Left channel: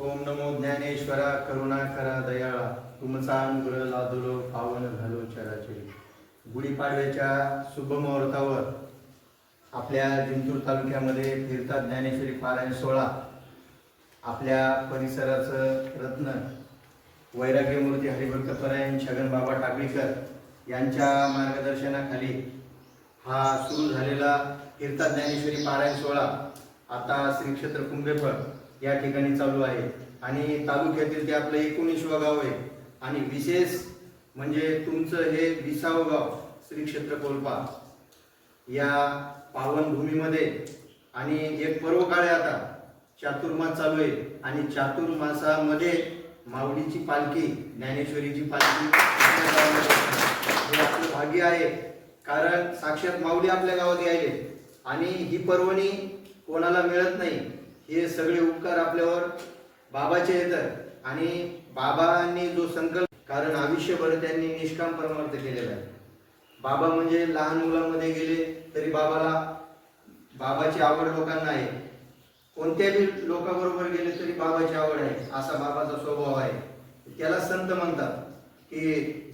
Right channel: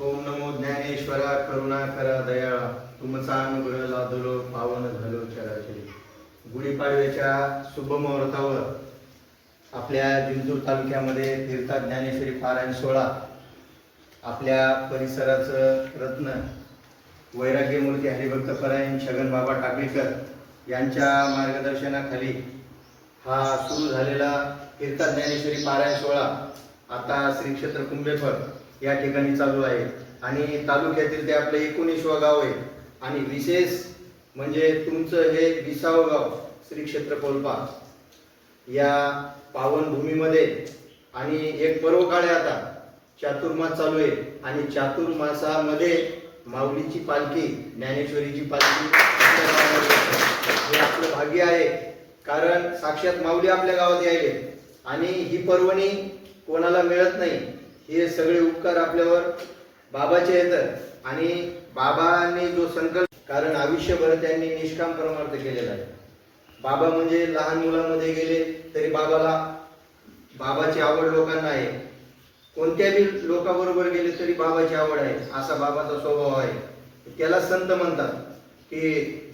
ओम नमो ज्ञानेश्वरा करुणाकरा दयाळा तुमचा अनुग्रह लादलो पावन झालो चराचरी। गुढीपाडव्याच्या शुभ मुहूर्तावर आपल्या जिंतूर तालुक्यामध्ये तीर्थात ज्ञानेश्वरी पारायण सोहळा आपल्या परिसराचं रत्न वैराग्यमूर्ती हरिभक्तपरायण छगन बाबा टाकळीकर यांच्या मार्गदर्शनाखाली हा सुरू झालेला तीर्थात ज्ञानेश्वरी पारायण सोहळा आता श्री क्षेत्र कुंभेफळ या ठिकाणी चालू आहे आणि तालुक्यातील ते आपलं 19वं गाव आहे आणि विशेष म्हणजे तुमचं हे 20वं गाव श्री क्षेत्र कोल्पा या पावनभूमीमध्ये आणि एक पर्वकाळ आहे आता चातुर्मास चालू आहे आणि चातुर्मासामध्ये माऊलीची पालखी ज्ञानेश्वरीची पालखी हे आपलं भाग्य आहे कारण साक्षात माऊली आपल्या गावात यायले आणि ही पर्वणी कोणाला मिळत नाही। हे सगळे उपकार आपल्यावर बाबाचे येतात आणि बाबांनी जो संकल्प कारण आयुष्यभर त्यांनी निष्काम परमार्थ केलेला आहे। बाबा म्हणजे लहान मुलांमध्ये गेले तरी बाबाची आवड लोकांना आहे, कोणत्याही लोकांबरोबर गेले तरी बाबाची आवड आहे, असा बाबाचा स्वभाव आहे। त्याला संत म्हणतात की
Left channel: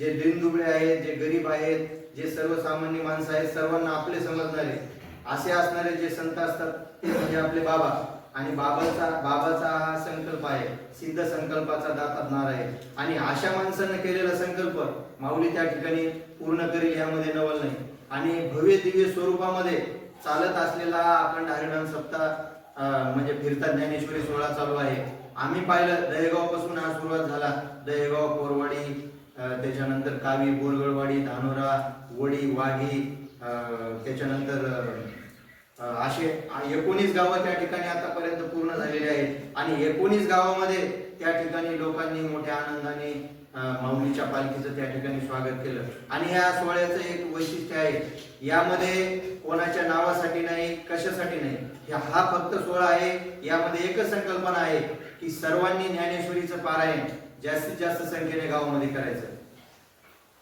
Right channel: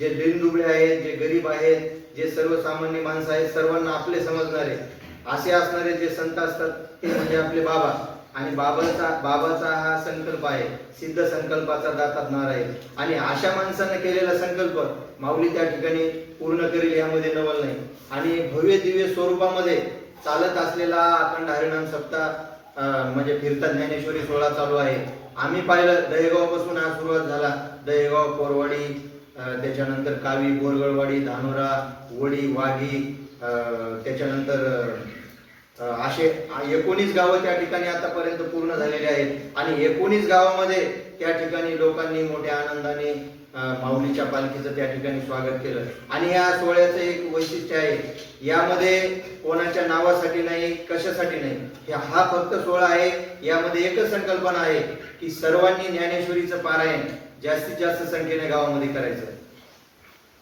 जे दिनदुबळे आहेत, जे गरीब आहेत, जे सर्वसामान्य माणसं आहेत, सर्वांना आपले समजणारे असे असणारे जे संत असतात ते म्हणजे आपले बाबा। आणि बाबाचा हा संकल्प आहे, सिद्ध संकल्पाचा दातात नार आहे आणि अशा माणसानं केलेला संकल्प माऊली त्या ठिकाणी पूर्ण करेल यामध्ये नवल नाही। आणि भव्य दिव्य स्वरूपामध्ये चालत असलेला अखंड हरिनाम सप्ताह म्हणजे तीर्थात ज्ञानेश्वरी सोहळा चालू आहे। आम्ही पाहिलं दहेगाव पासून हा सुरुवात झाला, दहेगाव, कोरवाडी, त्याच्यानंतर कावी, बोरगळवाडी, धानोरा, वडी, वाघी, त्याच्यानंतर असे 19 गावं त्या ठिकाणी आतापर्यंत पूर्ण झालेले आहेत आणि 19 गावामध्ये त्या ठिकाणी लोकांनी मोठ्या आनंदाने माऊलीच्या पालखीचं त्या ठिकाणी स्वागत केलं। आणि या सोहळ्याचं एक वैशिष्ट्य आहे, यामध्ये कोणाच्या नावासाठी नाही, कशासाठी नाही, हा फक्त सोहळा आहे। यामध्ये एकच संकल्पना आहे की सर्वांनी ज्ञानेश्वरीचं पारायण जास्तीत जास्त संख्येने गावामध्ये करायचं।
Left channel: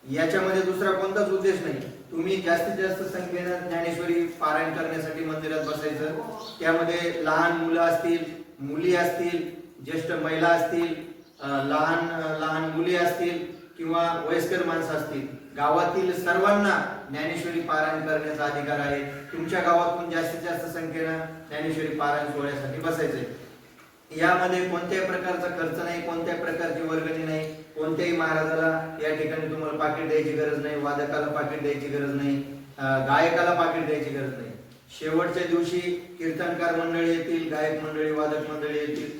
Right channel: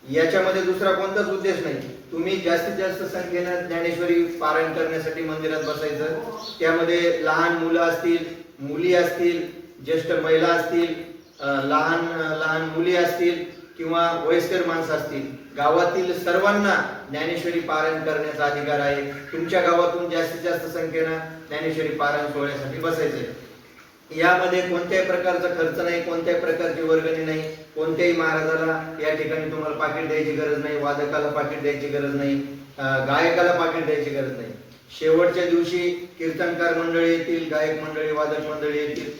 याच्यामध्ये दुसरा कोणताच उद्देश नाही। तुम्ही जास्तीत जास्त संख्येनं ज्ञानेश्वरी पारायण करण्यासाठी मंदिरात बसायचं। त्यामध्ये लहान मुलं असतील, मुली असतील, ज्येष्ठ महिला असतील, लहान मुली असतील किंवा वयस्कर माणसं असतील, गावातील सर्वांना ज्ञानेश्वरी पारायण करण्याचा अधिकार आहे। तुमच्या गावातून जास्तीत जास्त संख्येनं ज्ञानेश्वरी पारायण सोहळ्यासाठी बसायचंय। यामध्ये कोणत्याही प्रकारचा खर्च नाही, कोणत्याही प्रकारची वर्गणी नाही, कोणत्याही महाराजाला या ठिकाणी तुम्हाला पाकिट द्यायची गरज नाही, वादकाला पाकिट द्यायची गरज नाही, गायकाला पाकिट द्यायची गरज नाही। शेवटच्या दिवशी कीर्तनकार मंडळी येतील, गायक मंडळी, वादक मंडळी येतील,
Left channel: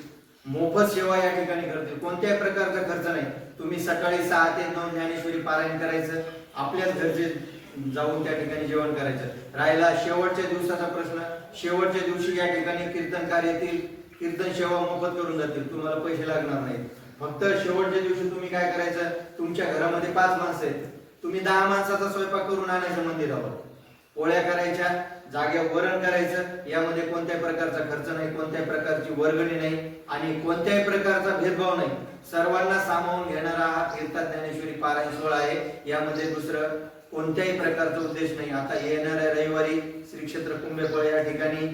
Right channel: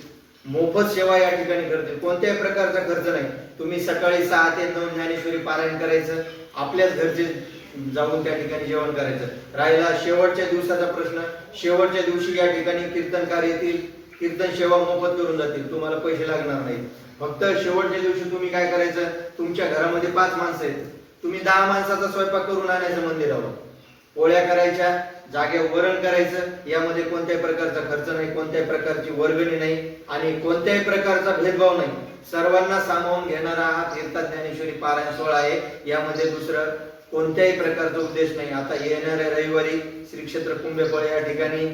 मोफत सेवा या ठिकाणी करतील, कोणत्याही प्रकारचा खर्च नाही। तुम्ही सकाळी 6 ते 9 ज्ञानेश्वरी पारायण करायचं, आपल्याच घरचे जाऊन त्या ठिकाणी जेवण करायचं। राहिला शेवटच्या दिवसाचा प्रश्न, शेवटच्या दिवशी या ठिकाणी कीर्तनकार येतील, कीर्तन सेवा मोफत करून जातील, तुम्हाला पैसे लागणार नाहीत। फक्त शेवटच्या दिवशी तुम्ही काय करायचं, तुमच्या घरामध्ये 5 माणसं आहेत, तुम्ही 10 माणसाचा स्वयंपाक करून आणायचं मंदिरावर, पोळ्या करायच्या, जागेवर वरण करायचं। यामध्ये कोणत्याही प्रकारचा खर्च नाही, कोणत्याही प्रकारची वर्गणी नाही आणि कोणत्याही प्रकारचा भेदभाव नाही। सर्वांना सामावून घेणारा हा तीर्थात ज्ञानेश्वरी पारायण सोहळा आहे। यामध्ये दुसरं कोणत्याही प्रकारचा उद्देश नाही। आता येणाऱ्या रविवारी श्री क्षेत्र कुंभेफळ या ठिकाणी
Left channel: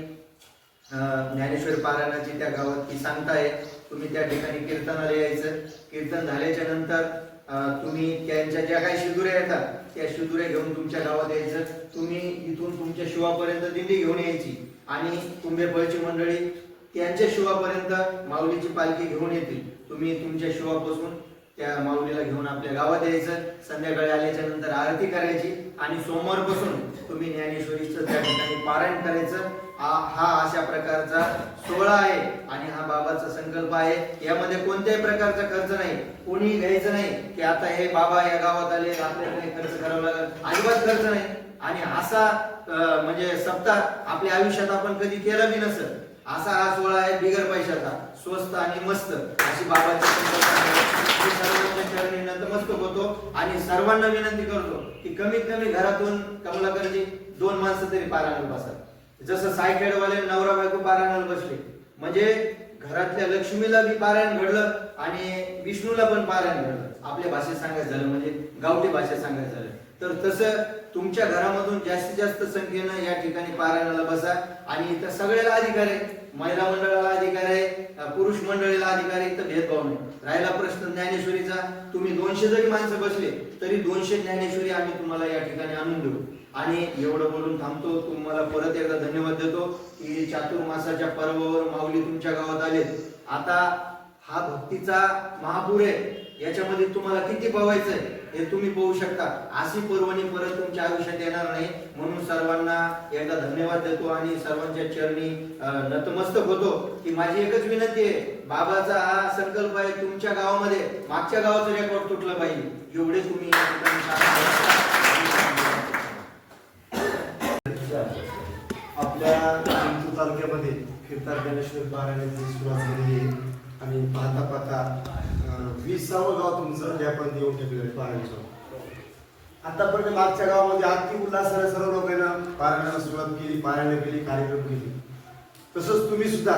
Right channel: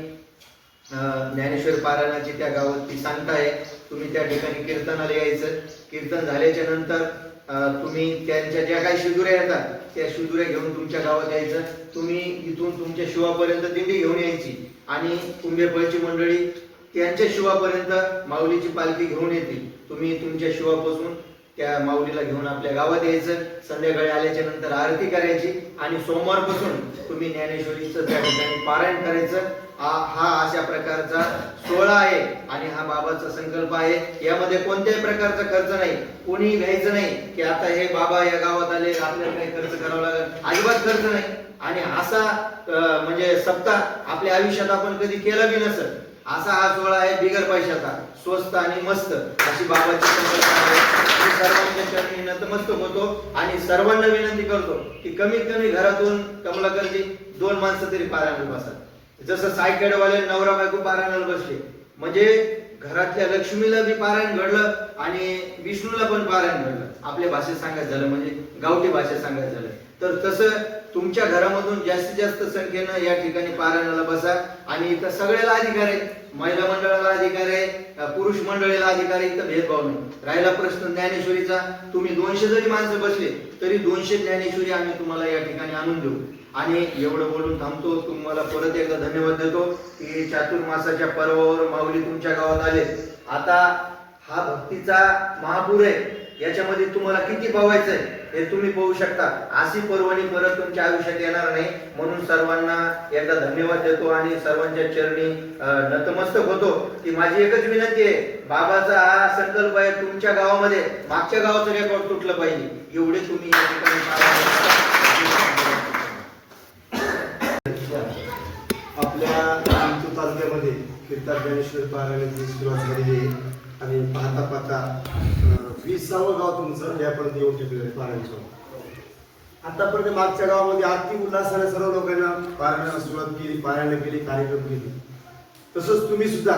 ज्ञानेश्वरी पारायणाची त्या गावात सांगता आहे। तुम्ही त्या ठिकाणी कीर्तनाला यायचं, कीर्तन झाल्याच्या नंतर तुम्ही त्यांच्या ज्या काही शिदुऱ्या येतात त्या शिदुऱ्या घेऊन तुमच्या गावात यायचं। तुम्ही इथून तुमच्या शिवापर्यंत दिंडी घेऊन यायची आणि कुंभेफळची मंडळी त्यांच्या शिवापर्यंत माऊलीची पालखी घेऊन येतील। तुम्ही तुमच्या शिवापासून त्या माऊलीला घेऊन आपल्या गावात यायचं, संध्याकाळी आल्याच्या नंतर आरती करायची आणि सोमवारपासून तुम्ही ज्ञानेश्वरीचं त्या ठिकाणी पारायण करायचं। हा अशा प्रकारचा सोहळा आहे आणि हा बाबाचा संकल्प आहे। यामध्ये कोणत्याही प्रकारचा खर्च नाही, कोणी घ्यायचं नाही की आता हे बाबा या गावात आले आपल्याला काही खर्च करावा लागेल, अजिबात खर्च नाही। आणि असा म्हणजे सप्ताह आपल्या आयुष्यात आपण कधी केला बी नसेल असा हा सोहळा आहे, बिगर पैशाचा, स्वस्त आणि मस्त अशी बाबाची संकल्पना आहे। मी सर्वांच्या चरणी नतमस्तक होतो आणि सर्वांना विनंती करतो की कमीत कमी घरातून कमलाकरजी 2 माणसं तरी पारायणाला बसा। जसं सायकेडवाले नवरा बायको पारायणाला बसले म्हणजे घरातल्या लक्ष्मीला बी पारायण घडलं आणि विष्णूला पण पारायण घडलं। आपल्या भाषेत सांगायचं झालं म्हणजे गावठी भाषेत सांगायचं झालं तर तसं तुमच्या घरामधून जास्तीत जास्त संख्येनं या ठिकाणी पारायणाला बसा आणि इथं सगळ्याला अधिकार आहे। महिला मंडळाला अधिकार आहे, पुरुष मंडळाला अधिकार आहे, इथं भेदभाव नाही. राहिला प्रश्न ज्ञानेश्वरीचा, तुम्ही 200 जरी माणसं बसले तरी 200 ज्ञानेश्वरी आम्ही तुम्हाला या ठिकाणी आणून देऊ. आणि एवढं बोलून थांबतो. तुम्हाला परत एकदा धन्यवाद देतो की चातुर्मासाच्या पर्वावर माऊली तुमच्या गावात आले. आता हा भक्तीचा महापूर आहे, याच्यामध्ये तुम्हाला किती पावायचं आहे हे तुम्ही पाहू शकता. अशी पर्वणी परत तुमच्या आयुष्यात येणार नाही. म्हणून सर्वांना एकदा धन्यवाद देतो आणि सर्वांच्या चरणी नतमस्तक होतो की माझी एकच विनंती आहे, बाबाचा हा संकल्प आहे तुमच्या गावामध्ये मागच्या गावाचं रेकॉर्ड तुटलं पाहिजे, एवढे तुम्ही या ठिकाणी आपल्या जिंतूर तालुक्यामध्ये कीर्तन ज्ञानेश्वर पारायणाची सुरुवात झालेली आहे आणि पाहता पाहता 20ावं गाव तुमचं यापर्यंत येऊन ठेवलेलं आहे पारायणाचं. आतापर्यंत मागच्या गावामध्ये अगदी उल्हासाने सर्व लोकांना पारायणाला सुरुवात केली, पारायण केली, कार्यक्रम केले. तसंच तुम्ही सुद्धा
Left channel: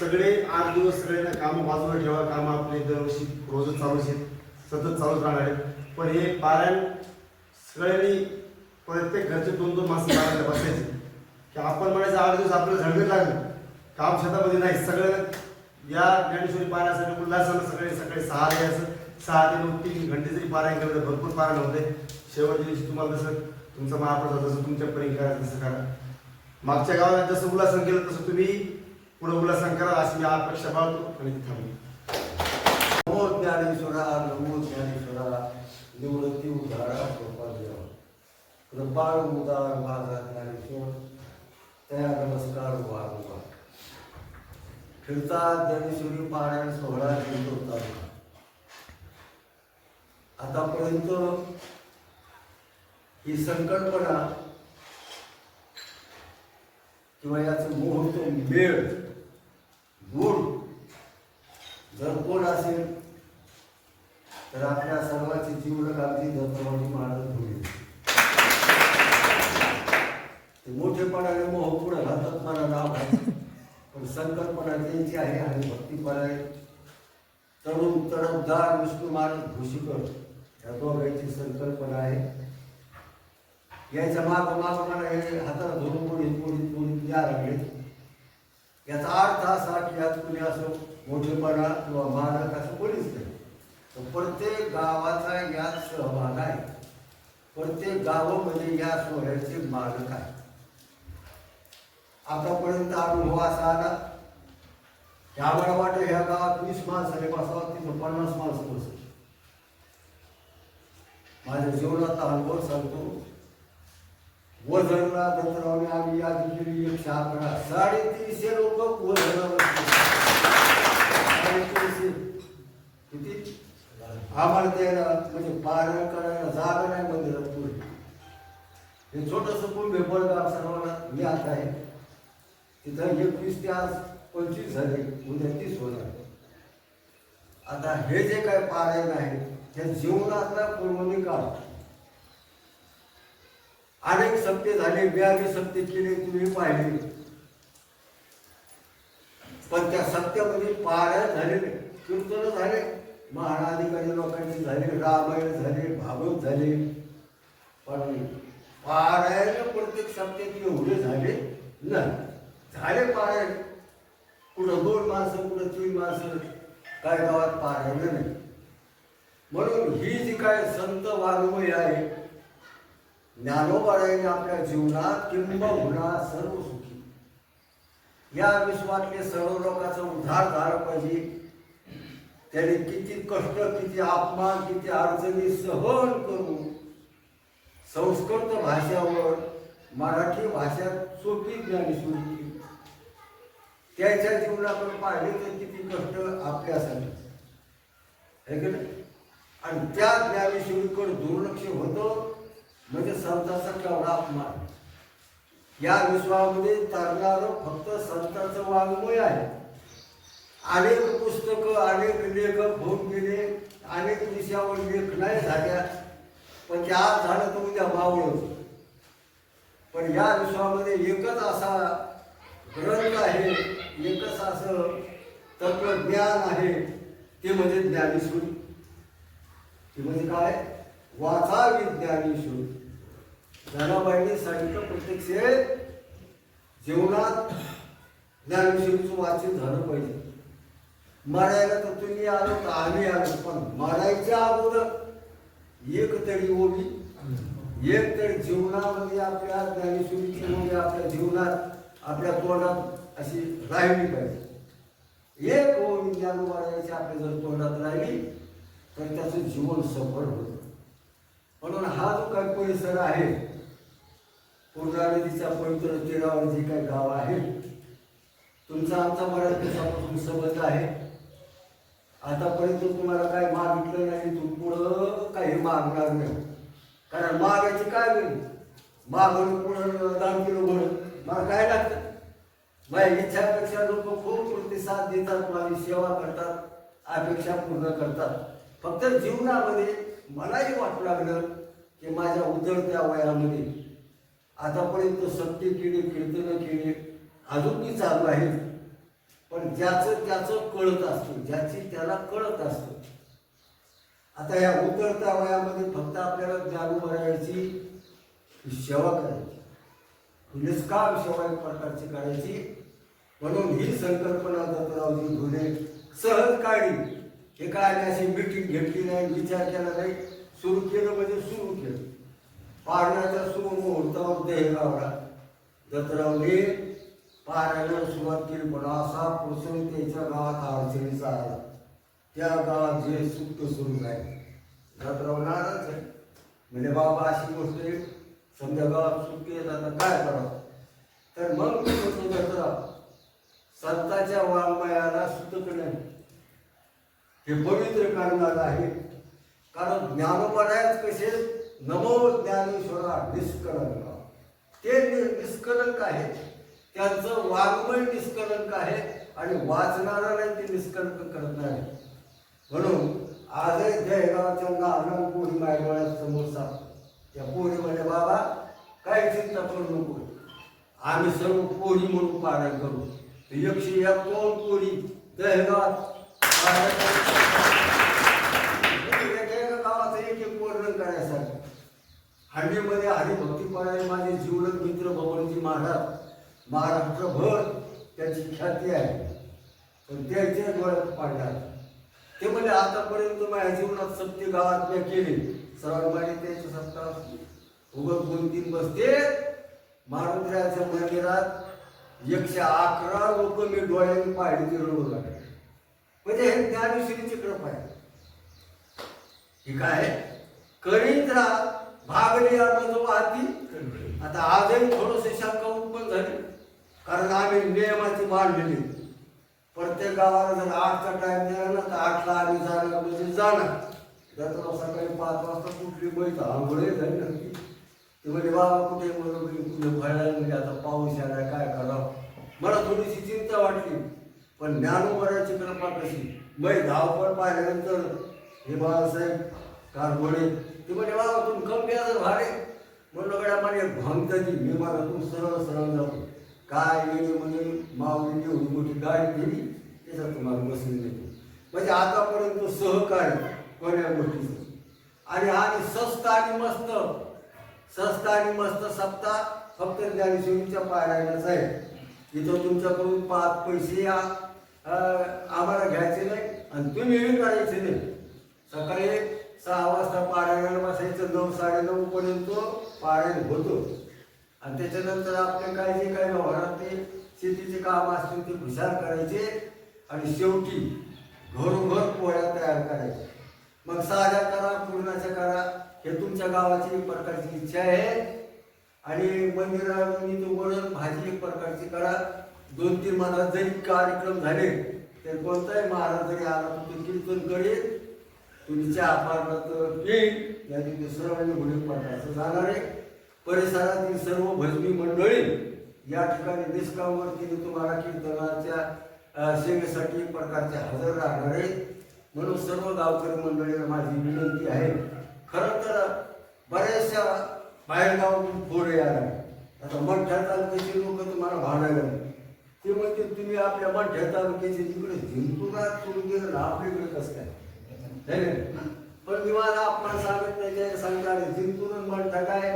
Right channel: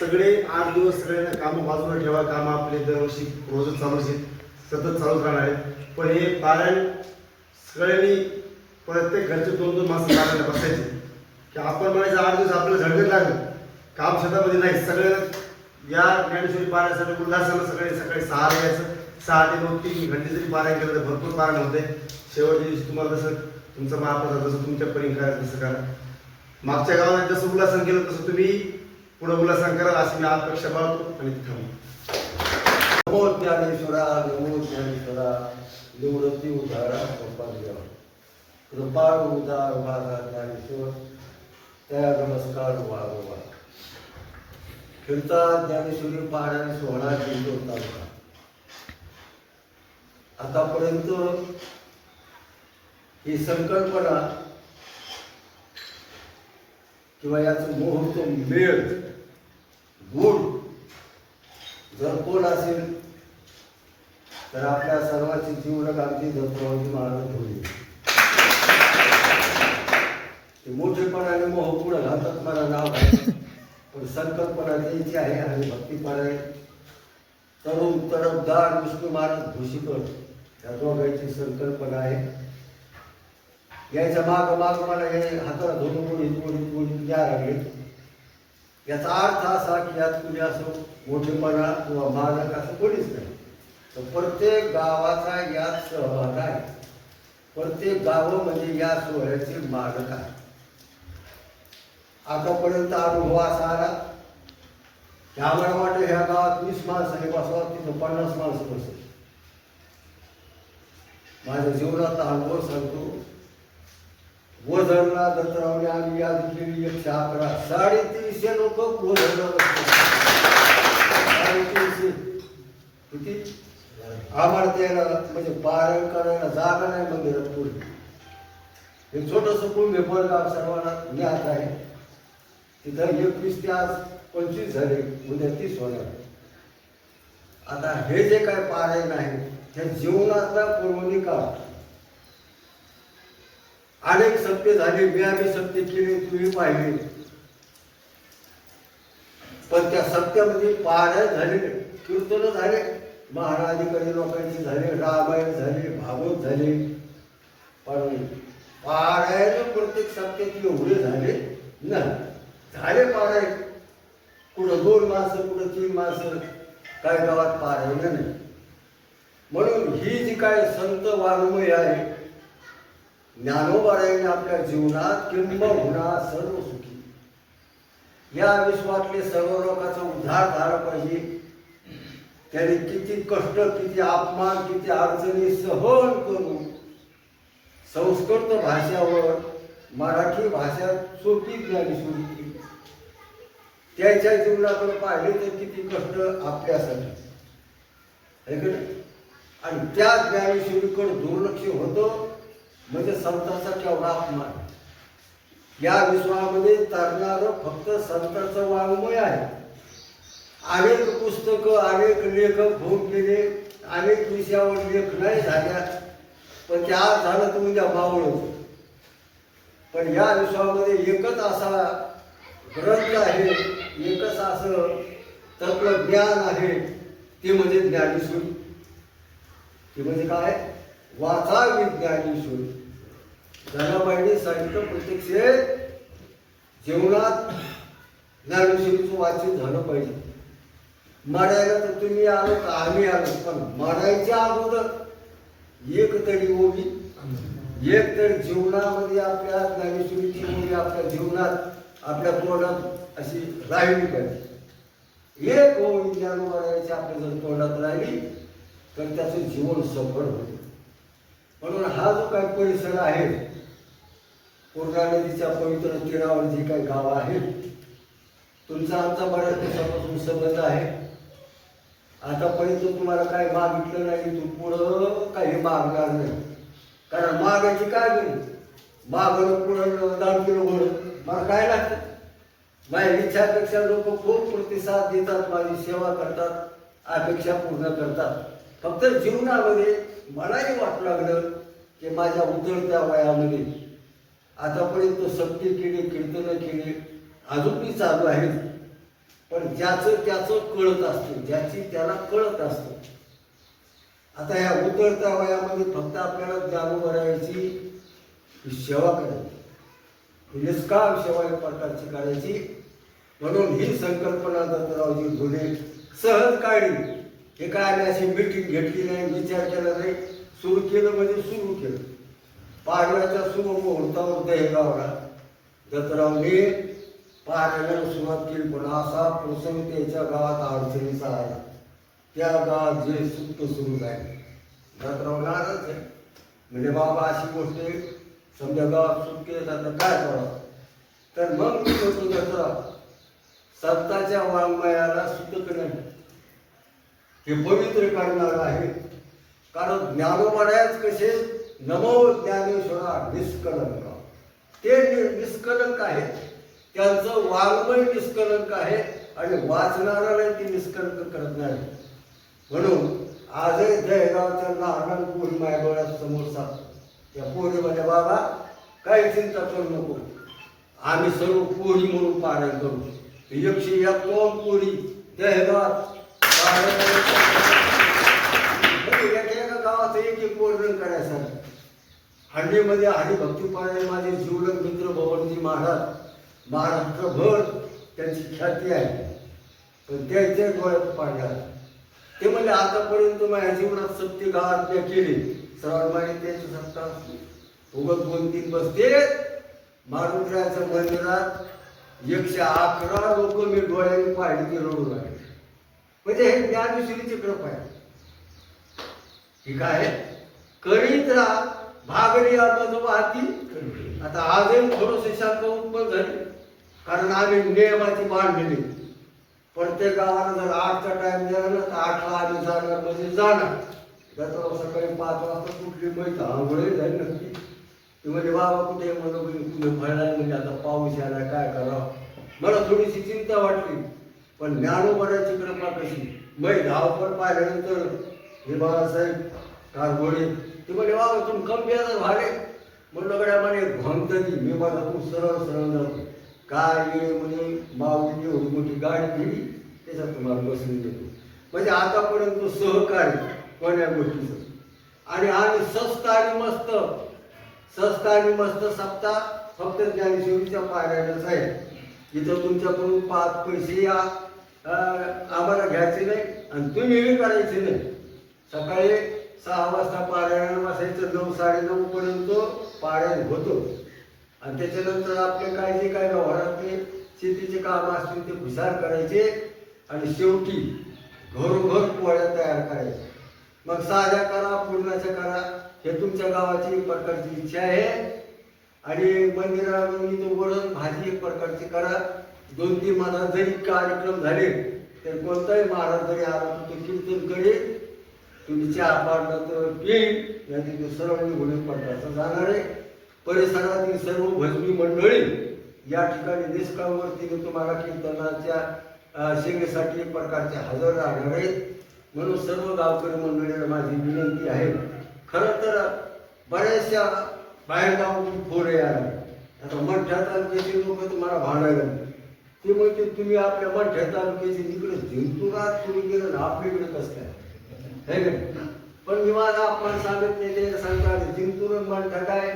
सगळे 8 दिवस सगळ्यांना कामं बाजूला ठेवा. कामं आपले दरवर्षी रोजच चालूच आहेत, सतत चालूच राहणार आहेत. पण हे पारायण सगळ्यांनी प्रत्येक घरचे 2-2 माणसं पारायणला बसायचे की आपण म्हणायचं 8 दिवस आपल्याला झडगत लागलं, काम शेतामध्ये नाही. सगळं या ज्ञानेश्वरी पारायणासाठी उल्हासानं सगळे सकाळी 6 ला यायचं, 6 ते 9 3 घंटे जरी पारायण केलं तर भरपूर पारायण होते. शेवटच्या दिवशी तुम्हाला जसं तुमचा महाप्रसाद जसं तुमच्या परी करायचं तसं करा. मागच्या गावात जसं उल्हासन केलं तसं तुम्ही पुढे उल्हासन करा अशी मी अपेक्षा बाळगतो आणि तिथं नमो ज्ञानेश्वरा, नमो ज्ञानेश्वरा, निवृत्ती उदारा कृपादेवा, कृपाळ उदार माझा ज्ञानेश्वर, त्या नमस्कार वारंवार. फिरता ज्ञानेश्वरी पारायण सोहळा जिंतूर तालुका. आतापर्यंत ही संकल्पना किंवा याचं मुहूर्त मेळ गुण जर कोण असेल तर आपल्या सर्वांची जीवन अगदी दत्तवादी महाराज होईल. ते मोठेपणाने मोह पुढे घालतात मला नाव आहे, पण संकल्पना द्यायची आहे आणि भक्तीपणा तरुण तडफदार विष्णू महाराज भूषिकर या दोघांची संकल्पना आहे. याच्या माग मला हे हाताला धरून कोणी द्या लागले. याचा अर्थ असा की यात कुणी असं मोठेपणा किंवा मालक असं कोणीच नाही, तर प्रत्येक गावाचा यात सहभाग आहे. प्रत्येक गाव म्हणजे या सोहळ्याचे मालक आहे. आतापर्यंत अनुभव असा आला की आम्हाला वाटतं ह्या गावात 20 माणसाने बसवा, तिथं 50 माणसं बसली. माझ्या जीवनाचा अनुभव सांगतो. वजरला दत्तरावने आम्ही यादी केली 111, 350 लोक वजरला बसले. 350 किती आम्हाला त्याला म्हणजे पारायण करायला जागा नाही मंदिरात पूर्ण. हे छोटंसं कुंभे बळगाव सर्वांना ज्ञात आहे. तिथं 21 ते आज 25 झाले, उद्या 30 होणार. आता हे जे काय पारायण आहे हे जीवनातला पूर्वनी काळ. अनेक सत्य झाले, व्यावी सत्य केले, तुम्ही पाहिले, पण त्या सत्यामध्ये पारायण झाले, कीर्तन झाले, महाराधिकारी लोकांचे झाले, रामायण झाले, भागवत झाले, पण पारायण प्रत्येक सत्यात एवढे झाले नाही. झाले पारायण कुठं 2 माणसं, कुठं 3 माणसं, काय गावात पारायण नाही. म्हणून ही जी काय संत वाङ्मय आहे, ज्ञानोबारायाने आपल्या जीवनात किंबहुना सर्व सुखी या विश्वातले सर्व लोकांचा उद्धार झाला पाहिजे. त्यांनी किती कष्ट, किती अपमान, किती अडचणी सहन करून संस्कृत भाषेवर मराठी भाषा सोपी ज्ञानेश्वरी केली. त्याच्या जीवनाकडे पाहिले तर किती कष्ट आपल्यासाठी आहे की नाही. आणि त्या ज्ञानेश्वरीकडे दुर्लक्ष होतं म्हणजे संतांचा केवढा अपमान. या विश्वामध्ये तरणारं फक्त संतांचं वाङ्मय आहे. अनेक पुस्तकं, अनेक लेखक होऊन गेले, अनेक विषयावर लेख नाही झाल्या, पण ते आज झालं तर उद्या मावळच. पण या विश्वामध्ये एकच असा ग्रंथ आहे, एकच असं तत्वज्ञान आहे, ते म्हणजे ज्ञानेश्वरी. ते म्हणजे काय? वाचावी ज्ञानेश्वरी. जनाबाईंनी सांगितलं प्रत्यक्ष जीवनात ज्ञानेश्वरीचं वाचन झालं पाहिजे. मारायला तर तुम्ही आलो तर आम्ही आलो, पण मारायच्या अगोदर एक तरी ओवी, एक तर जीवनामध्ये आपल्या ज्ञानेश्वरीची ओवी आपल्या जीवनात आपल्या तोंडात अशी राहिली पाहिजे. एक ओवी ज्ञान मारायची आपल्या जर तोंडात राहिली तर त्याचं जीवन सफळ होईल. म्हणून हा जो काही परिसर आहे, पूर्णा नदीच्या पवित्र तीरावर जे काही गाव आहे, तुमचा आमचा बऱ्याच दिवसापासून संबंध आहे. आतापर्यंत तुम्हाला काही मागितलं नाही, तू पुढं काही मागणार नाही. कारण मागायची काय गरज, मागणं पुढं 10 किलो मला काय लागतं. माझ्या इच्छापेक्षा लोक खूप प्रतिसाद देतात, माझी सेवा करतात, अपेक्षा पूर्ण करतात. फक्त जीवनामध्ये मलाही वाटू लागलं की माझ्या उतरत्या वयामध्ये आतापर्यंत सक्ती केली, कीर्तनं केली, अजूनही चालू आहे. पण ज्याचं त्याचं कळत असतं, ज्याची त्याला कळत असतं. आता ह्या उतरत्या वयामध्ये फक्त आपल्याला ज्ञानोबरायाची सेवा करायची, निष्काम सेवा एक प्रकारची करायची. म्हणून ही संकल्पना दत्तरावजी घोले सहज काढली. हे काय आम्ही अशी मिटिंग घेतली नाही, विचार केला नाही, सुरू केलं म्हणजे सुरू केलं. पाडव्याच्या शुभ मुहूर्तावर दहेगावला दत्तरावने पारायणाला सुरुवात केली. पण असा प्रसंग त्याच्या गावात अडचणीचा आला. त्या गावात जे सुप्त सुरू झाले, दत्तराव नाराज आहे. म्हणजे बाबा अशी गोष्ट आहे, समजा गावात सुटके आता काय करावं. तर मग मी म्हणतो दत्तराव, संतांच्या वाङ्मयाला सुतक नाही, हे पवित्र करणार आहे. कारण ज्ञानोबरायच कसे नमो ज्ञानेश्वरा निष्कलंक, ते निष्कलंक आहे, त्यांचं वाङ्मय निष्कलंक आहे आणि वाचणाऱ्याला ते निष्कलंक करत नाही. म्हणून आजही जयगावच्या लहान पोरी माझ्या डोळ्यात समोर साप. त्या पोरीमध्ये बाबा काही चिंता करू नको, आम्ही सर्व पोरी म्हणून पारायण करू. 101 पोरी जयगावात एका गावाचं एक वर्णन करायसारखं. हंडीमध्ये हरिभक्ती पारायण माझे जीवलग मित्र बबनजी महाराज, महाराष्ट्रभर त्यांची ख्याती आहे. पण त्याच्या डोळ्यात पाडणार ते म्हणजे आतापर्यंत माझ्या जीवनात सत्य गावात मी केले. सर्वांनी त्याची सत्ता उगत 2-3 बसते. मारुद्र्याच्या मंदिरात 111 लोक मी डोळ्याने पाहिली ते रडू लागले. म्हणजे हे ज्ञानेश्वरीची कृपा आहे. ही काय करीत राहा भागली वाहती. आता आजही थोडंसं शंका उत्पन्न झाली, कारण आम्ही नियमाची बांधलेली. प्रत्येक गावाला जर 8चा टाइम दिला ना तर 8ला आम्ही जाणार म्हणजे जाणार. दत्तराव सकाळी 5 वाजता कुठली माहिती आंघोळी झाली नक्की. ते म्हणजे बाबा कुठे कुठे फळायला म्हणजे आता पाऊस यायला काय करावं. मला थोडीशी चिंता वाटली. पण ज्ञानोबराची कृपा कशी. मै धावपळ पाहिल्यानंतर हे बाळासाहेब कारगोडे ते म्हणजे बाबा तुम्ही कमी याचं भाडे म्हणलं गड्या म्हणे भंगतली. मी मला तू सरळ सरळ जातो काय म्हणे माऊली एवढी मोठी गाडी केली त्याच्यात तुम्हाला बसवून देतो. म्हणजे आतापर्यंत सहकार्य कोण्या गोष्टीचं. आणि स्वस्त आणि मस्त, स्वस्त आणि मस्त सप्ताह फक्त ज्ञानेश्वरीच्या पारायणाच आहे. इथं तुमच्याकडून 5 पैसे आम्हाला घ्यायचे नाही आणि तुम्ही करायचे नाही. सकाळी 6 वाजता पारायण बसायचं, 9-9:30 पर्यंत पारायण होतं. आणि त्याच्यानंतर आपले काय जे काय व्यवहारातले शेतीचे काम असतील ते हुशार करायचे आणि शेवटी घरोघर पोळ्या तयार करायच्या. मग साध्या करा पूर्णाच्या करा, हे तुमच्या गावाची एक प्रकारची इच्छा आहे. आणि मंदिरामध्ये वरण भाजी एक प्रकारची करा. 2-3 महाराज जरी कार्यक्रम झाले तर कोणताही महाराज जरी आला तर तो कीर्तन करेल, तुम्ही चहा पाडला तर येईल, नाही ते सर्वांनी घोडे पडला असं जाणार आहे. परिसरातील सर्व भजनी मंडळी या ठिकाणी निष्कामवरतीने तुम्हाला कीर्तनाच्या सेवेसाठी एक प्रकारचे हजर राहणार आहे. म्हणून सर्व गावकरी मंडळींना माझी विनंती आहे. खरं तर बऱ्याचशा बाहेरगावून पोरे आले. आता मंठ्या तालुक्याचे लोक तुम्हाला भांडायला ते म्हणते तुम्ही आपल्या मंठ्या तालुक्याचे तिकडे जिंतुरात तुम्ही गेलं आपल्याकडे कसं काय हे. पण मी माझा आपल्याला सांगत नाही, ते सांगतात जिंतूर मंठा काय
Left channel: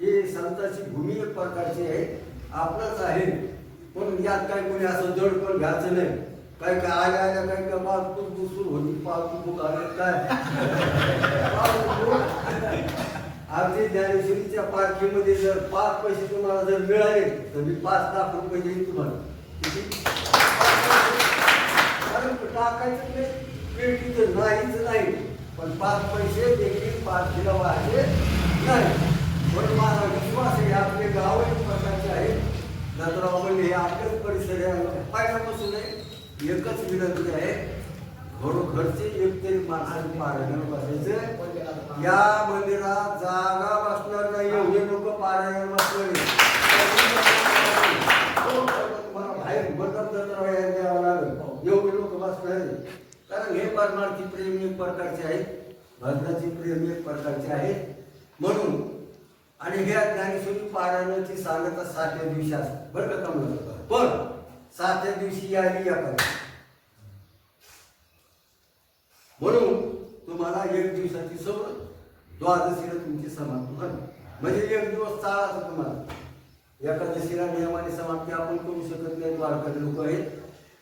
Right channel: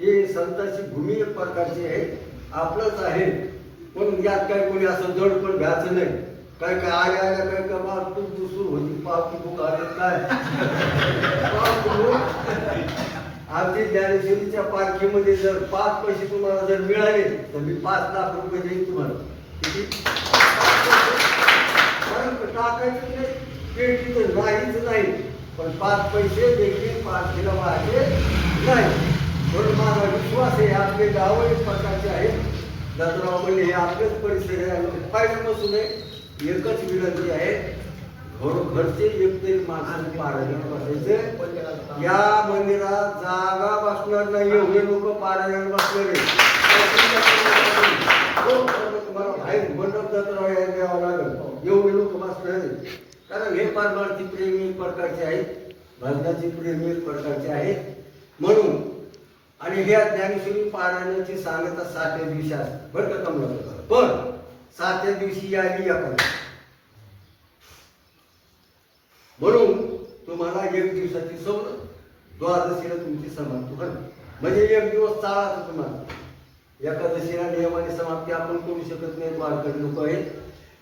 हे संतांची भूमी एक प्रकारची आहे, आपलंच आहे. म्हणून यात काय कोणी असं जड पण घ्यायचं नाही. काय काय आल्या आल्या काय काय मागतून दुसूर होती पावती बुक आले काय आमची ज्ञानेश्वरीच्या पालखीमध्ये जर 5 पैसे तुम्हाला जर मिळाले तर मी 5 लाख रुपये देईन तुम्हाला. किती? कारण टाकायचं नाही, पेटी तर नाहीच नाही, पण 5 पैसे देखील पालखीला वाढले नाही. म्हणून माझा विश्वास आहे आपले गाव एक प्रकारचे आहेत. दादराव म्हणजे हे आपलेच परिसर आहे, पाहिल्यापासून एकच विनंती आहे, घरचे एक तरी माणसांनी पारायण बसायचं. या मंदिरात जागा बसणार नाही, एवढे लोक पारायण बसणार तुम्हाला बाहेर मंडप जत्रा द्यावं लागेल, एवढे लोक बसणार नाही. कारण हे परमार्थी प्रेम एक प्रकारचे आहेत, भजनाची प्रेम एक प्रकारचे आहेत. म्हणून आणि ह्या ज्ञानेश्वरी पारायणाची सांगता 7व्या दिवशी असते बरं का कमला. पण 7व्या दिवशी आली आपण, म्हणून तुम्हाला 1 दिवसाची सवय, द्वादशीला तुमची समाप्ती होईल. म्हणजे 1 दिवस चालायचं तुम्हाला. एकादशीला नियमाने समाप्ती आपण करू शकत नाही, वारकरी लोक आहेत.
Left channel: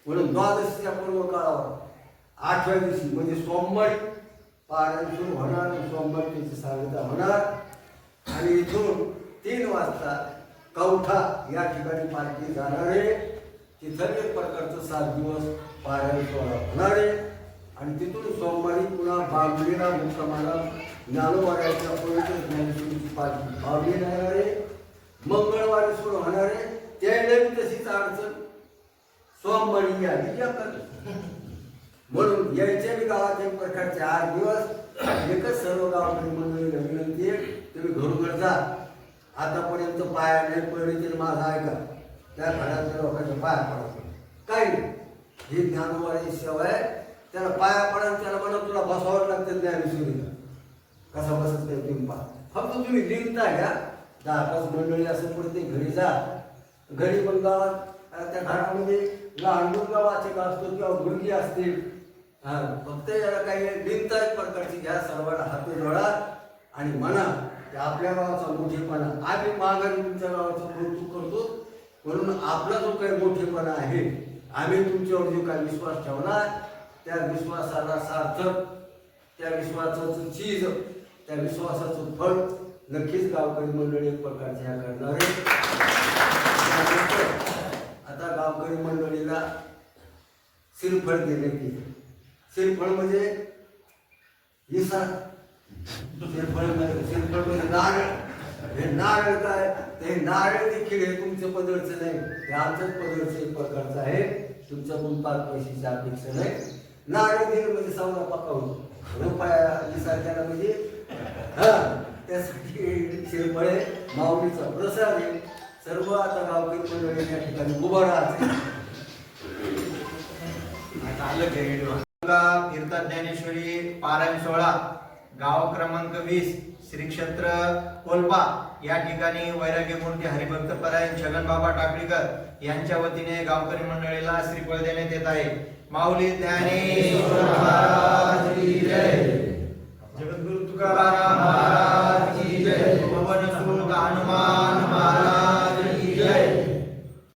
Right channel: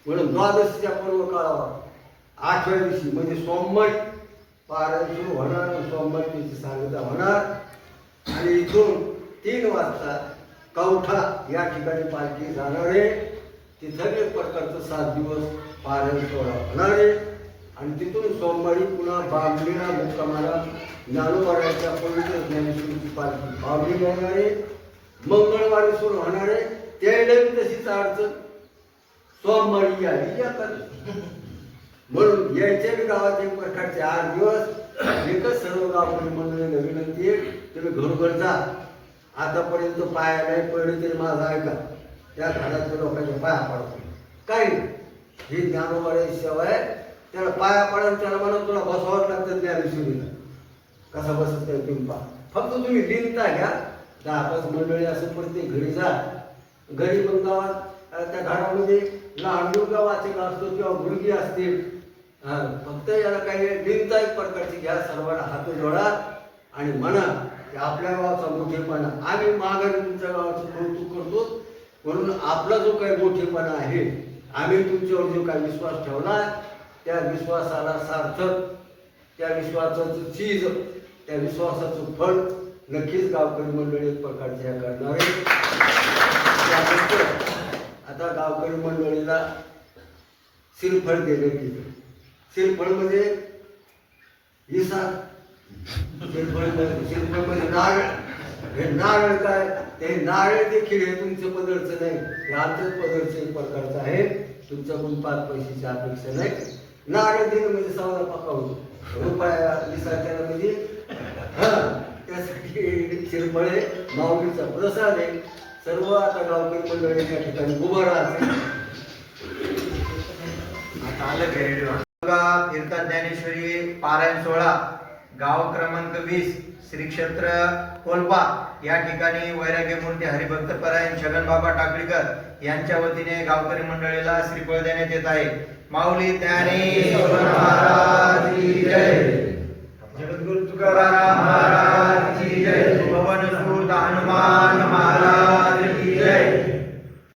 म्हणून द्वादशीच्या पूर्व काळावर 8व्या दिवशी म्हणजे सोमवारी पारायण सुरू होणार, सोमवारी त्याची सांगता होणार. आणि इथून 3 वाजता कवठा या ठिकाणी पालखी जाणार आहे. तिथं एक प्रकारचं 7 दिवस पारायण सोहळा होणार आहे. आणि तिथून सोमवारी पुन्हा बाबलीला मुक्कामाला ज्ञानोबाच्या पवित्र ज्ञानेश्वरीची पालखी बाबलीला येणार आहे. मंगळवारी सुरू होणार आहे. त्यावेळेला तशीच अडचण, सोमवारी आली एकादशी. म्हणून यायच्या बी गावात एक प्रकारचे 8 दिवस. एकच सर्व गावकरी मंडळीला विनंती आहे, तुम्ही घरोघर जा. आतापर्यंत पाया नाही पडले तरी माझा ऐका, त्या घराच्या लोकांच्या पाया पडतो काय नाही. ही ज्ञानोबाची सेवा आहे, त्याला पाया पडाल त्याला म्हणून तुला बसवावं लागतं ज्ञानेश्वरीला. कसा बसत नाही तुम्ही पहा, फक्त तुम्ही लिहिता घ्या. 10-5 मंडळी असं प्रत्येक घरी जा. घरी पण गावात त्या घरामध्ये लहान मुलगा वाचक असतो किंवा मुलगी असतील, फक्त याला काही लिहिता एक प्रकारची घ्या. सर्वांना हात जोडा आणि म्हणा की आपल्या गावाचा मोठेपणा, आम्ही माघारी तुमच्या गावाचं कौतुक करतो. म्हणून आपला जो काही मोठेपणा आहे, आम्ही तुमच्यावर जो काही विश्वास ठेवला, त्या विश्वासाला सार्थक, त्या विश्वासाचं चीज, त्या विश्वासाचं फळ नक्कीच गावकरी मंडळी एक प्रकारचे या करणार आहे. आता गावकरी मंडळीला श्रीफळ दिले गेले. श्रीफळ म्हणजे इसा, श्रीफळ म्हणजे नारळ. हे नारळ काय, ते नारळ देखील हे तुमच्या पदरचं नाही, हे आमच्याच पदरचं एक प्रकारचं आहे. तुमच्याकडून 5 पैशाची अपेक्षा नाही. नारळ दिलं म्हणजे समाजा पक्का होतो. रुपया विसायला म्हणजे त्यासाठी श्रीफळे माऊलीचा प्रसाद आहे. सर्व आता गावकरी मंडळी त्या ठिकाणी उभं राहते. फिरता ज्ञानेश्वरी पारायण सोहळा गाव क्रमांक 20 श्री क्षेत्र कोलपा या ठिकाणी वैराग्य मूर्ती हरिभक्त परायण छगन बाबा टाकळीकर यांच्या वतीने गावकरी मंडळीला श्रीफळ देण्यात येत आहे. माऊली ज्ञानेश्वर